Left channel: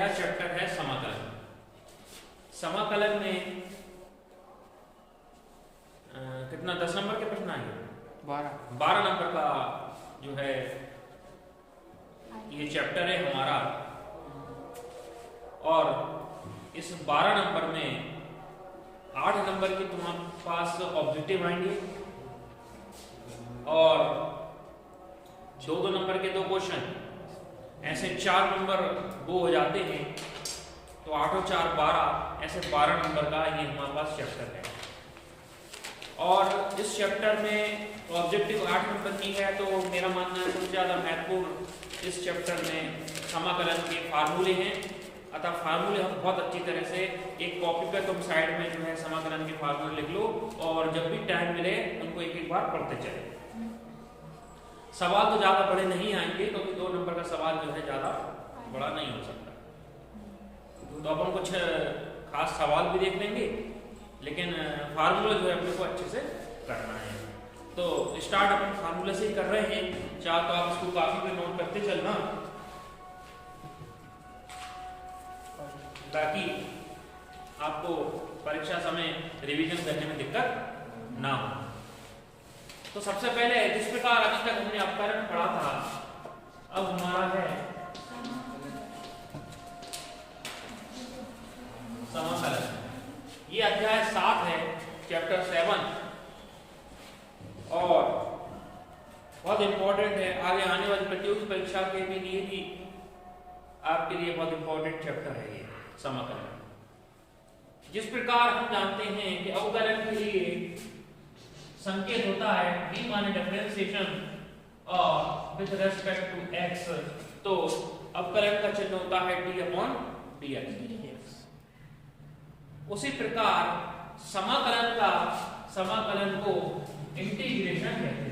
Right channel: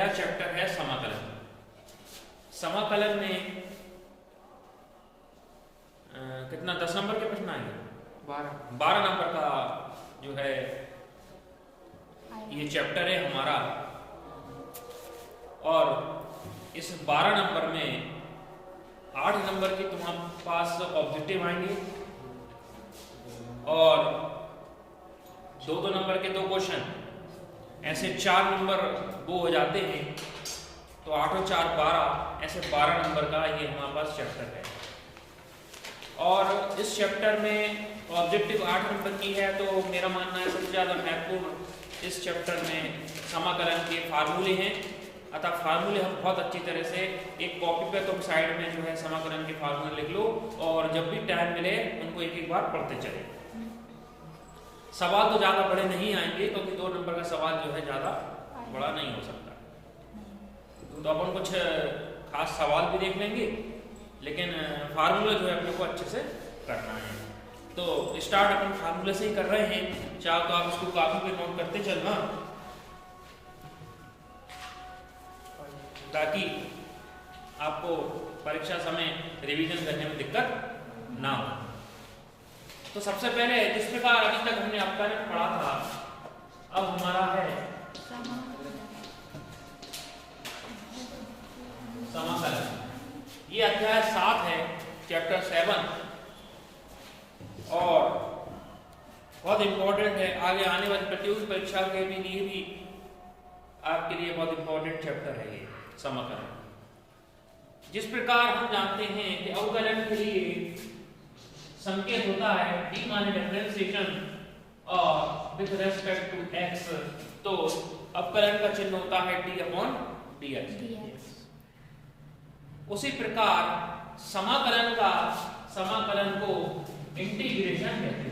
मेरा चैप्टर है समाकलन। समाकलन में कितना 10 नंबर के प्रश्न आएंगे? 12 नंबर का जो है ये चैप्टर है हमारा। और इस 12 नंबर में 8 नंबर के तुम्हारे पास ऑब्जेक्टिव आएंगे और 2-2 नंबर के 2 क्वेश्चन, ऐसे 4 नंबर वो हो जाते हैं। तो 8 और 4 12, ऐसे 12 नंबर का ये हमारे पास चैप्टर है। और इस चैप्टर में ऑब्जेक्टिव 8 नंबर की है। तो मेरा मानना है सबसे ज़्यादा महत्वपूर्ण इस चैप्टर में समाकलन के फार्मूले हैं। अतः फार्मूले हम बहुत अच्छी तरह से एक कॉपी पे तुम साइड में जो है समाकलन के फार्मूले लिख लो और जब भी टाइम मिले उनको एक एक बार पढ़ते चले। सवाल तो ज़्यादा बड़े नहीं आएंगे क्योंकि 2 नंबर का सवाल जो है ज़्यादा बड़ा नहीं हो सकता। तो अपन कुछ खास सवाल भी देख लेंगे, लेकिन फार्मूला जो है अपने को अच्छे से करना है। तो स्टार्ट अपन फार्मूला से ही कर रहे हैं। चाहे तो आप इसको काफी पे नोट करते चलना ताकि आपको परीक्षा समय रिवीजन करने में दिक्कत ना हो। तो सबसे पहले जिस प्रकार अभी तक हमने अपकरण पढ़ा था, अब हमारा है समाकलन। ये अध्याय 7 है, चैप्टर 7 और बहुत इंपॉर्टेंट है। आगे आने वाली प्रतियोगी परीक्षा के लिए भी आपके लिए बहुत इंपॉर्टेंट चैप्टर है ये समाकलन। जिस प्रकार हम जानते हैं कि अवकलन के लिए संकेत होता है d माने डिफरेंशिएशन और विद रेस्पेक्ट टू x, तो अवकलन का चिन्ह होता है d/dx। उसी प्रकार समाकलन को इंटीग्रेशन कहते हैं।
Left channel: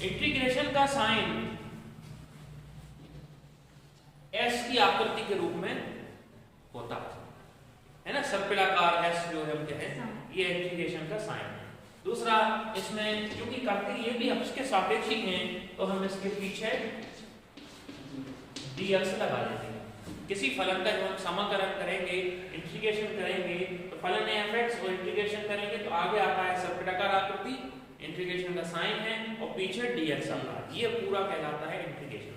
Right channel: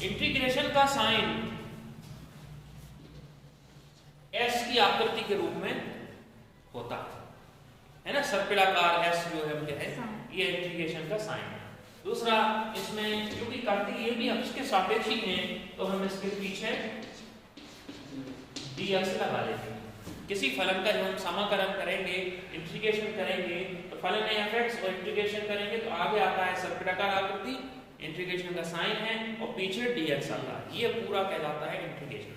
इंटीग्रेशन का साइन S की आकृति के रूप में होता है ना, सर्पिलाकार S जो हम कहते हैं, ये इंटीग्रेशन का साइन है। दूसरा, इसमें क्योंकि करते ये भी इसके सापेक्ष ही हैं, तो हम इसके पीछे dx लगा देंगे। किसी फलन का जब हम समाकलन करेंगे, इंटीग्रेशन करेंगे, तो फलन में fx और इंटीग्रेशन करेंगे तो आगे आता है सर्पिलाकार आकृति, इंटीग्रेशन का साइन है और पीछे dx आता है। ये पूरा कहलाता है इंटीग्रेशन।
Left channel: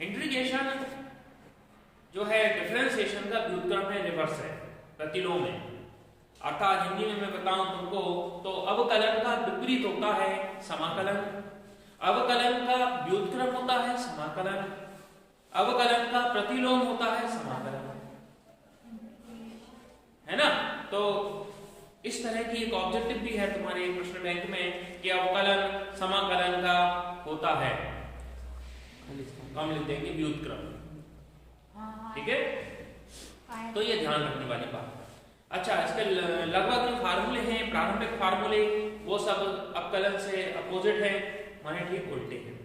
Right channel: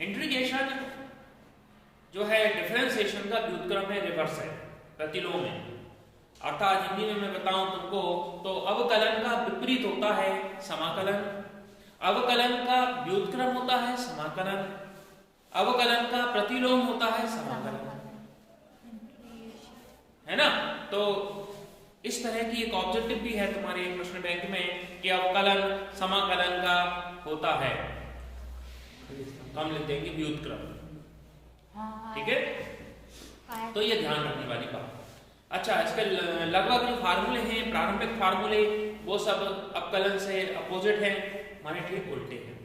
इंटीग्रेशन जो है डिफरेंशिएशन का व्युत्क्रम में रिवर्स है, प्रतिलोम है। अर्थात हिंदी में मैं बताऊं तुमको तो अवकलन का विपरीत होता है समाकलन, अवकलन का व्युत्क्रम होता है समाकलन, अवकलन का प्रतिलोम होता है समाकलन, है ना। तो इस तरह की एक ऑब्जेक्टिव भी है तुम्हारे एक प्रश्न बैंक में कि अवकलन समाकलन का होता है, हम लिख देंगे व्युत्क्रम। ठीक है, तो ये ध्यान रखने वाली बात। अच्छा, इसके लगभग जो फार्मूले हैं, प्रारंभिक फार्मूले, वो सब अवकलन से अपोजिट है, माने ठीक उल्टे हैं।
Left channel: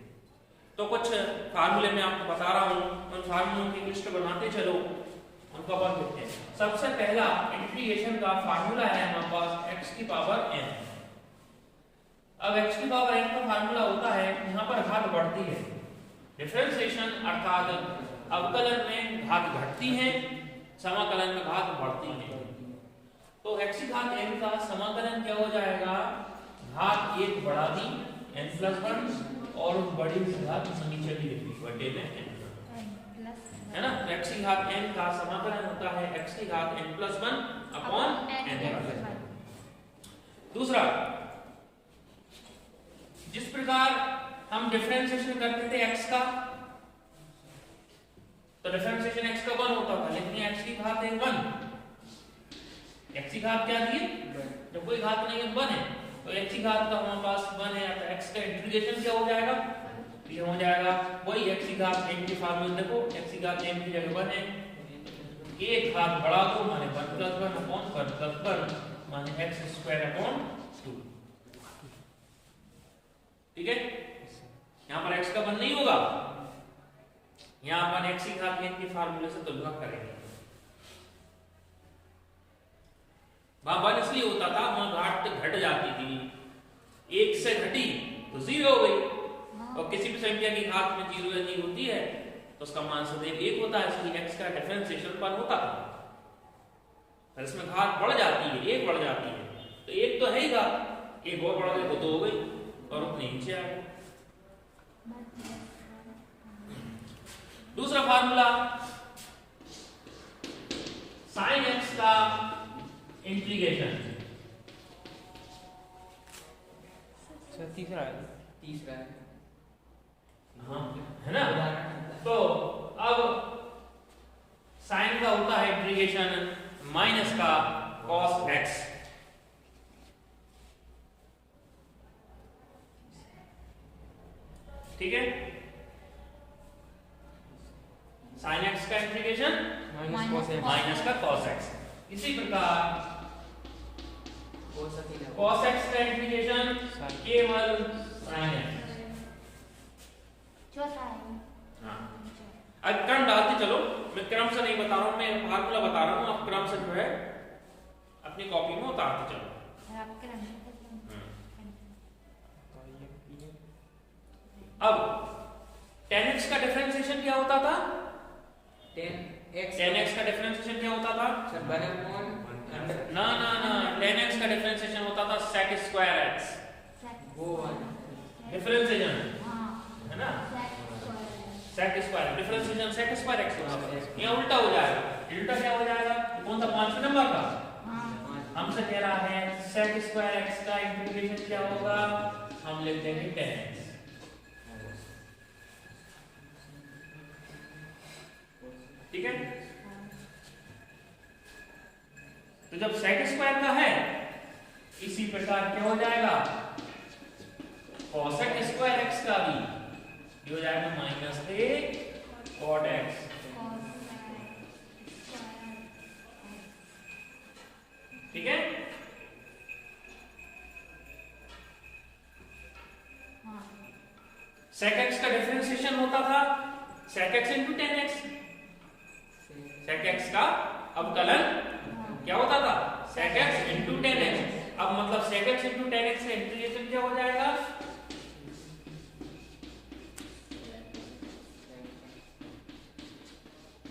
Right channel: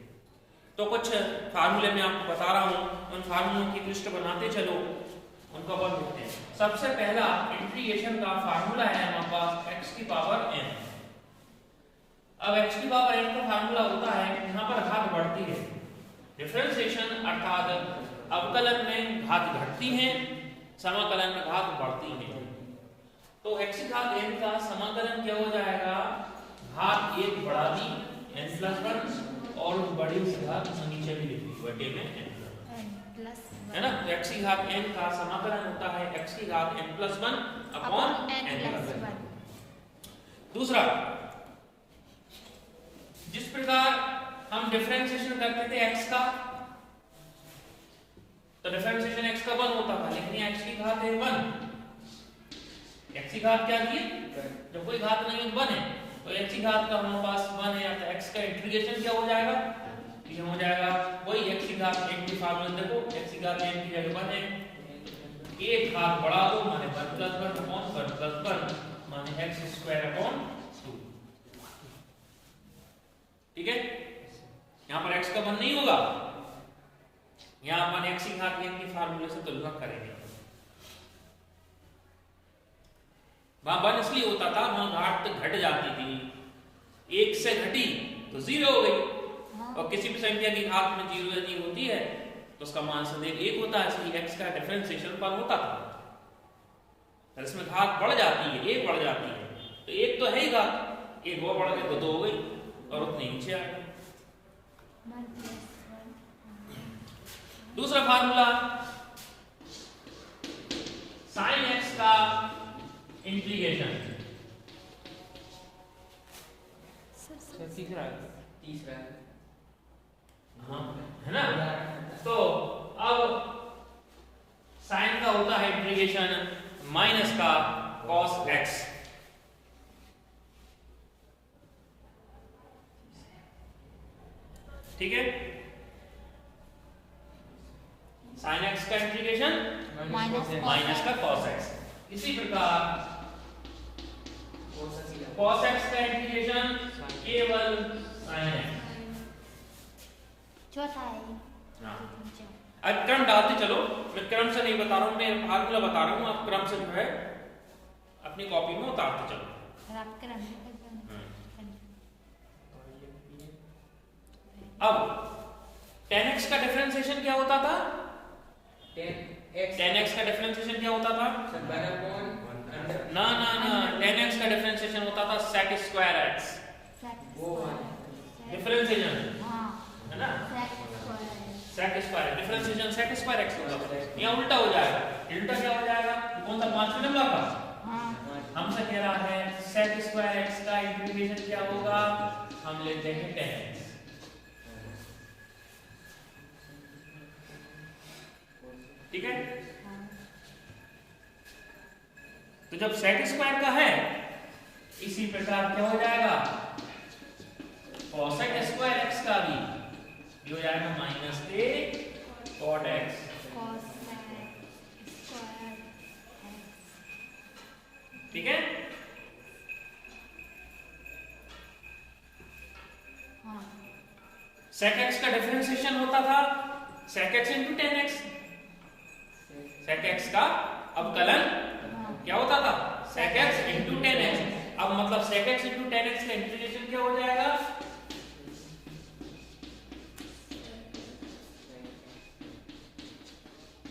तो कुछ फार्मूले मैं आपको बता रहा हूं, उन फार्मूलों की लिस्ट बनाते चलो, उनको अपन देखते हैं। सबसे पहला इंटीग्रेशन का फार्मूला है हमारे पास x की पावर n। अब x की पावर n का फार्मूला होता है, यहाँ पर घात बढ़ती है। डिफरेंशिएशन अर्थात अवकलन में घात घटती है, समाकलन में घात बढ़ती है। तो x की घात n का समाकलन क्या हो जाएगा, घात 1 बढ़ा दी n+1 और बड़ी से घात नीचे भी लिखी बटे में n, है ना। तो x की घात n का समाकलन होता है x की घात n+1 अपॉन n। दूसरा, जिस प्रकार हम डिफरेंशिएशन करते थे x का, तो डिफरेंशिएशन x का 1 होता था, लेकिन x की घात है 1। x की घात क्या दी, जब कोई घात नहीं है 1 है, तो x की घात का हमारे पास 1 है, तो x का इंटीग्रेशन क्या हो जाएगा, ये हो जाएगा वही x की घात n की फार्मूला देखो, x की घात n की वैल्यू 1 है, एक घात बढ़ा दो माने 1+1 अपॉन 1+1 माने x² अपॉन 2। ठीक है, यहां पर x का 1 नहीं होगा, यहां अपन x की घात n की फार्मूले से तुलना करेंगे। वहां 1 इसलिए होता था, वहां घात घट जाती थी, 1 से घटी तो 0 हो गई, और किसी भी संख्या की घात में 0 या नहीं होती है तो उसका मान सदैव 1 होता है, इसलिए x का डिफरेंशिएशन 1 होता है। और इसमें घात बढ़ जाती है, 1 बढ़ जाती है, तो 1 तो है ही घात, 1 और बढ़ गई तो 2 हो गई और उतने नीचे आ गई। दूसरा फार्मूला sin x का इंटीग्रेशन, तीसरा है हाँ है ना। तो अब साइन का होता है इंटीग्रेशन माइनस का cos x, ठीक है। साइन x का इंटीग्रेशन माइनस का cos x, इसी प्रकार cos x का इंटीग्रेशन केवल sin x। चौथा है। हाँ, अब क्रम डालते चलो, मैं क्रम से नहीं बता रहा हूँ, मैं फार्मूला बता रहा हूँ, आप क्रम से जो है अपनी कॉपी में उतारते चलो। आप क्रम अब tan x का डिफरेंशिएशन क्या होता था? tan x का डिफरेंशिएशन क्या होता था? ना ना ना, tan x का डिफरेंशिएशन होता था sec स्क्वायर x, डिफरेंशिएशन है ना, sec square differentiation sec square x होगा। यहाँ उल्टा हो जाएगा, उल्टा क्या हो जाएगा? कौन सा 5वें नंबर का? हमसे कह रहा है sec स्क्वायर x का इंटीग्रेशन क्या होगा? हम लिख देंगे tan x, ठीक है। तो जब sec स्क्वायर का है, इसी प्रकार क्या हो जाएगा? cosec स्क्वायर x का भी ये हो जाएगा माइनस a cot x, ठीक है। sec x का डिफरेंशिएशन होता था sec x into tan x, sec x का अवकलन क्या होता था? sec x into tan x। अब मतलब sec x into tan x का इंटीग्रेशन क्या हो जाएगा?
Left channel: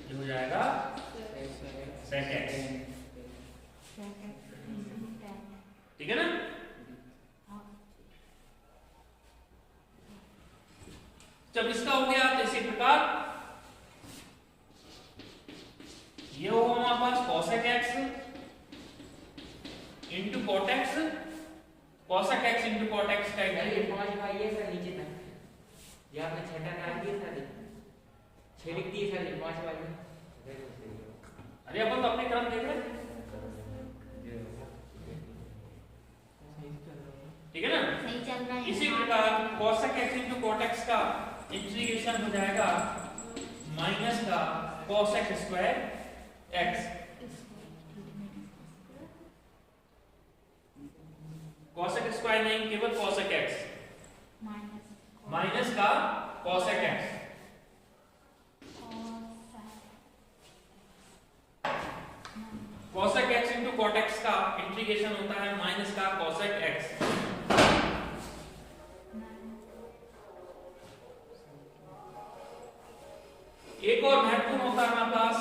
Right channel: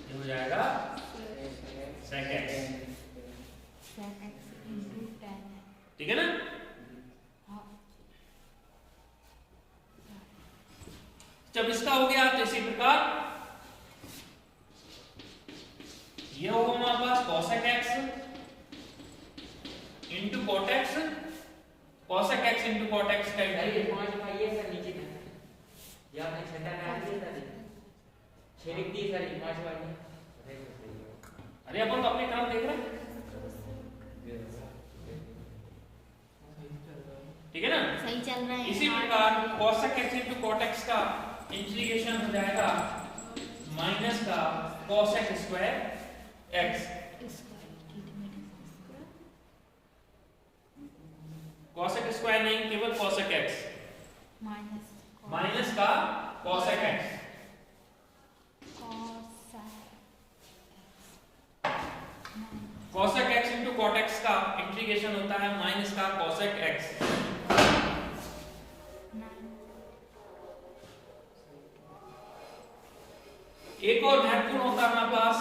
ये हो जाएगा sec x, ठीक है ना। जब इसका हो गया तो इसी प्रकार ये होगा हमारे पास cosec x into cot x, cosec x into cot x का अरे अपन तो अपने क्रम देख रहे हैं, ठीक है ना। सही चल रहा है। इसी प्रकार cosec x into cot x का इंटीग्रेशन हो जाएगा माइनस का cosec square x, cosec square नहीं, केवल cosec x माइनस का cosec x, cosec x into cot x का इंटीग्रेशन होता है माइनस का cosec x। एक और महत्वपूर्ण होता है हमारे पास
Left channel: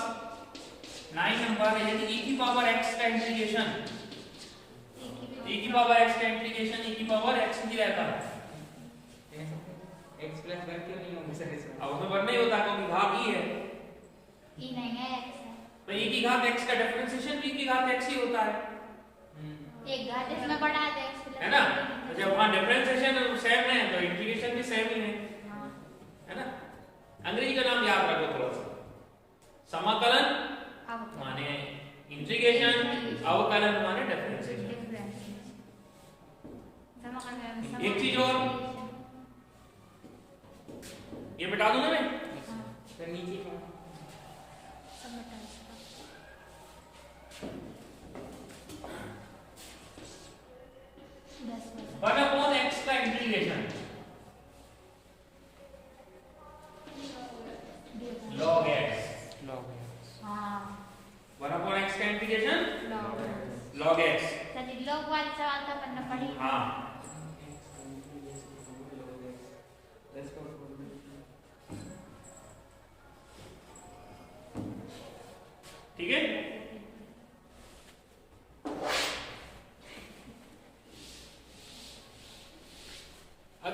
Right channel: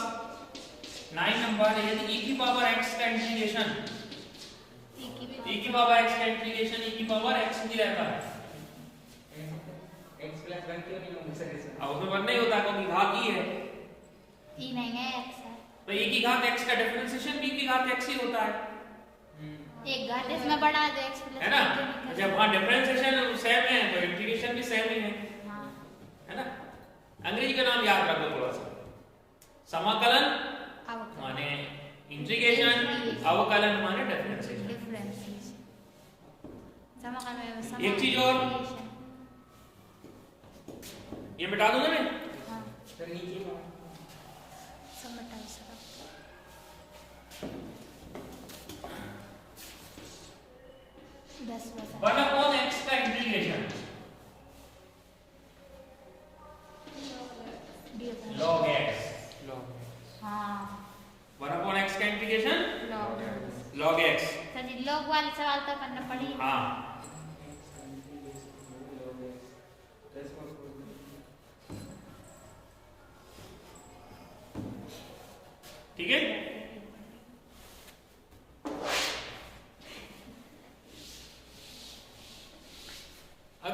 9 नंबर, यदि e की पावर x का इंटीग्रेशन, e की पावर x का इंटीग्रेशन e की पावर x ही रहता है, x प्लस 1 क्यों नहीं होगा सर? अब उसमें 1 नहीं होता क्योंकि घात e है, ई नहीं है x है। तो e की घात x का डिफरेंशिएशन भी e की घात x ही होता है, एक घात इसमें बढ़ा दे x प्लस है ना। जब वहां डिफरेंशिएशन सेम है तो इंटीग्रेशन भी सेम ही है ना। अंग्रेजी का नाम याद रखो थोड़ा सा, समाकलन माने इंटीग्रेशन, अवकलन माने डिफरेंशिएशन। एक चीज और ये बता दूं मैं, सर नीचे क्या? वन अपॉन एक्स का integration log x, one upon x का इंटीग्रेशन log x। लोग वाले सवाल तो करना पड़ेगा। हाँ,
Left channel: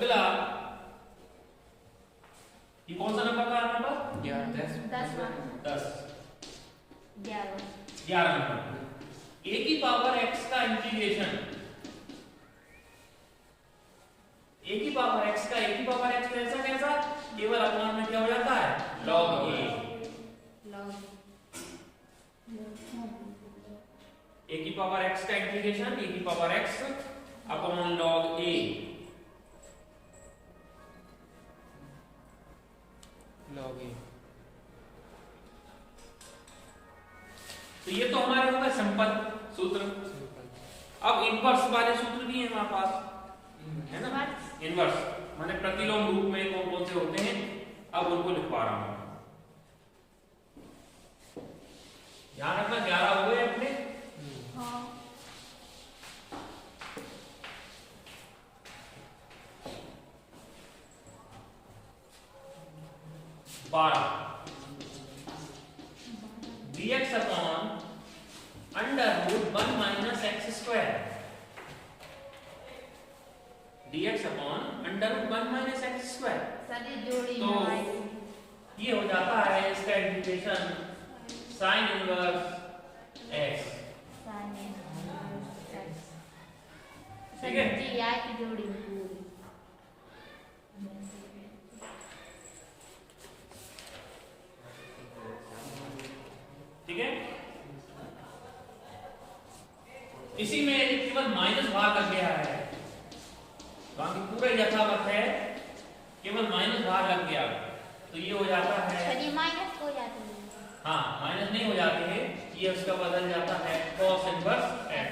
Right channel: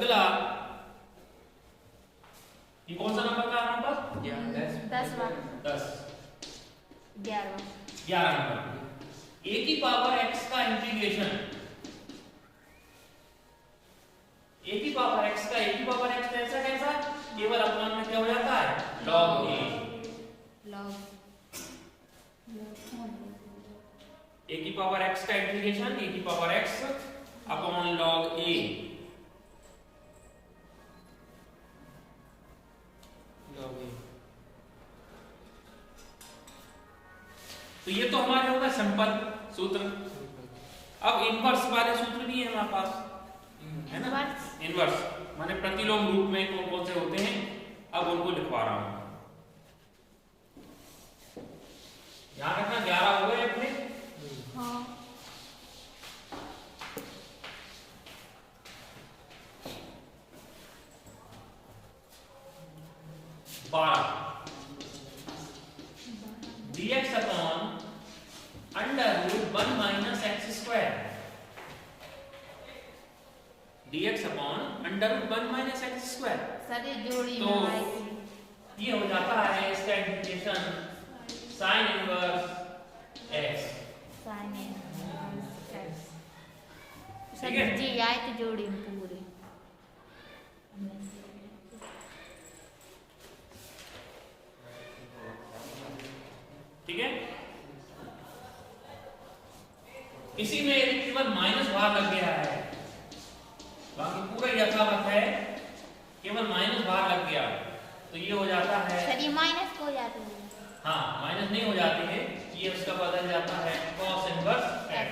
अगला ये कौन सा नंबर था हमारे पास? 10 10 11 11 नंबर। a की पावर x का इंटीग्रेशन, a की पावर x का a की पावर x कैसा कैसा केवल अपमान में क्या हो जाता है log a। a की पावर x का इंटीग्रेशन a की power x upon log a। तो ये तो हमारे होगा सिंपल सूत्र। अब इनवर्स वाले सूत्र भी है हमारे पास, है ना? इनवर्स माने प्रतिलोम रूप में कौन कौन से होते हैं, अब उनको लिखवा रहा हूं। ध्यान रखना 11 हो गए अपने। dx upon under root 1 minus X square, dx upon under root 1 minus X square. सारी जोड़ी तो ये हो जाता है इसका इंटीग्रेशन साइन इनवर्स x। ठीक है? जी आए की जोड़ी में पूरी। ठीक है, इसी में केवल माइनस भार लग गया है, बाकी पूरा यथावत है, केवल माइनस भार लग गया तो ये हो जाता है। सर माइनस हो जाती है। हाँ माइनस नहीं हो जाते हैं, ये उसका बदल जाता है cos इनवर्स x।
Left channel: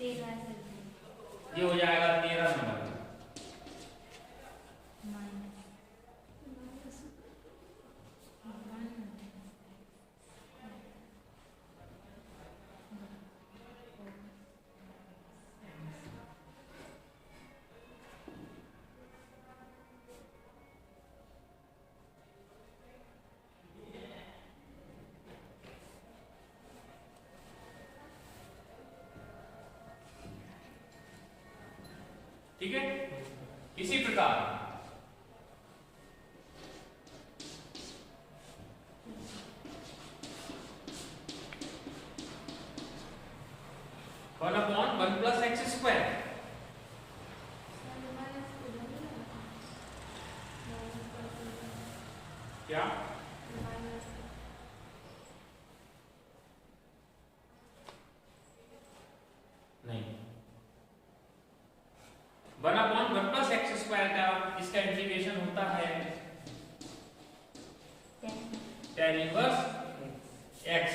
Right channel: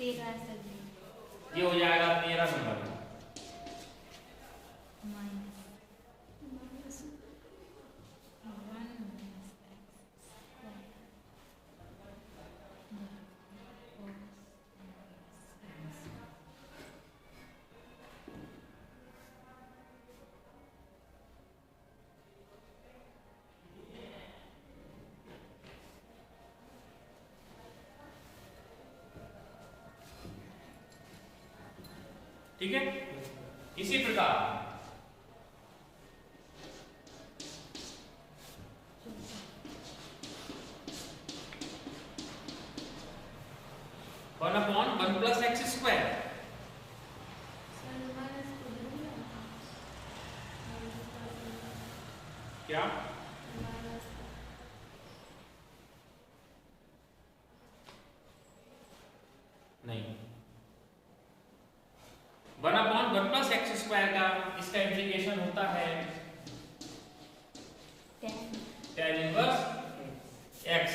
ये हो जाएगा 13 नंबर। ठीक है, इसी प्रकार one upon 1 plus x square. क्या नहीं, 1 अपॉन 1 प्लस एक्स स्क्वायर का इसका इंटीग्रेशन होता है tan इनवर्स x।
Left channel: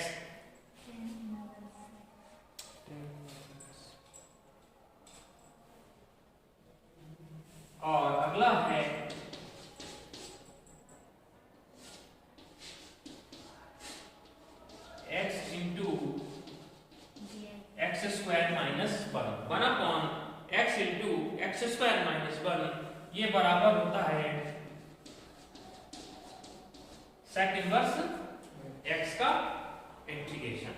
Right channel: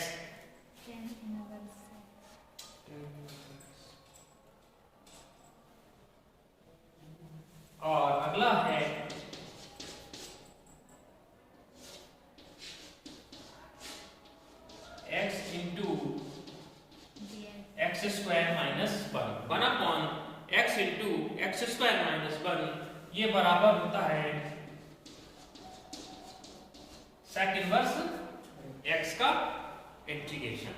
और अगला है x into x square minus 1 upon x into x square minus 1, ये बराबर होता है सेक इनवर्स x का इंटीग्रेशन।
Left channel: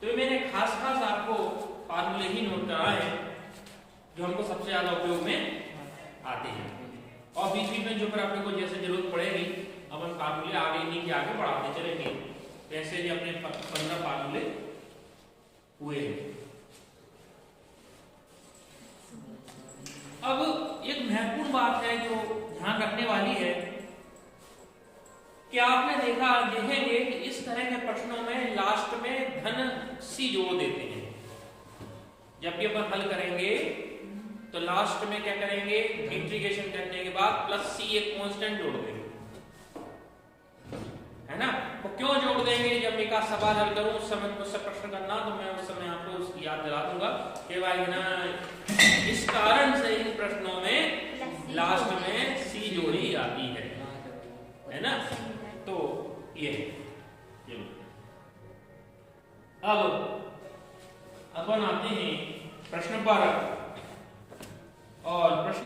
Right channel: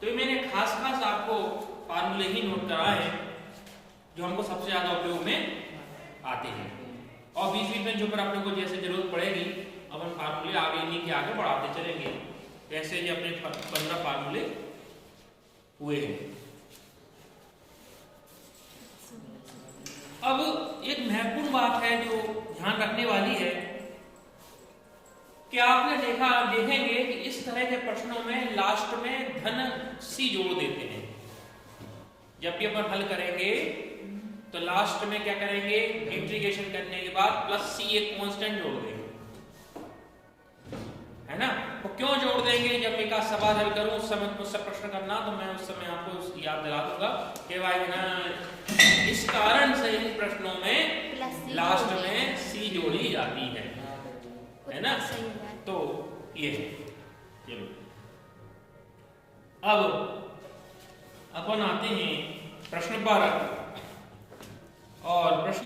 तो मैंने खास खास आपको फार्मूले ही नोट कराए हैं जो हमको सबसे ज्यादा उपयोग में आते हैं, और बीच बीच में जो पर अपने को जैसे जरूरत पड़ेगी अब हम फार्मूले आगे इन्हीं के आगे बढ़ाते चलेंगे। कैसे ये अपने 15 फार्मूले हुए हैं। अब एक महत्वपूर्ण बात है जो ध्यान रखने वाली है कि आपने देखेंगे कि इस तरह के प्रश्नों में लास्ट में धन सी जोड़ देते हैं। जब भी अपन हल करेंगे तो लास्ट में क्या करेंगे, इंटीग्रेशन करने के बाद प्लस सी एक कांस्टेंट जोड़ देंगे, है ना? तो क्यों जोड़ देंगे, जब एक सवाल हल करूं उस समय मुझसे प्रश्न करना तो मैं उस समय आपको याद दिला दूंगा कि भाई ना इस कारण से इन प्रश्नों में लास्ट में सी जोड़ी जाती है ना? तो ये अब अपन आते हैं प्रश्न पर, और प्रश्न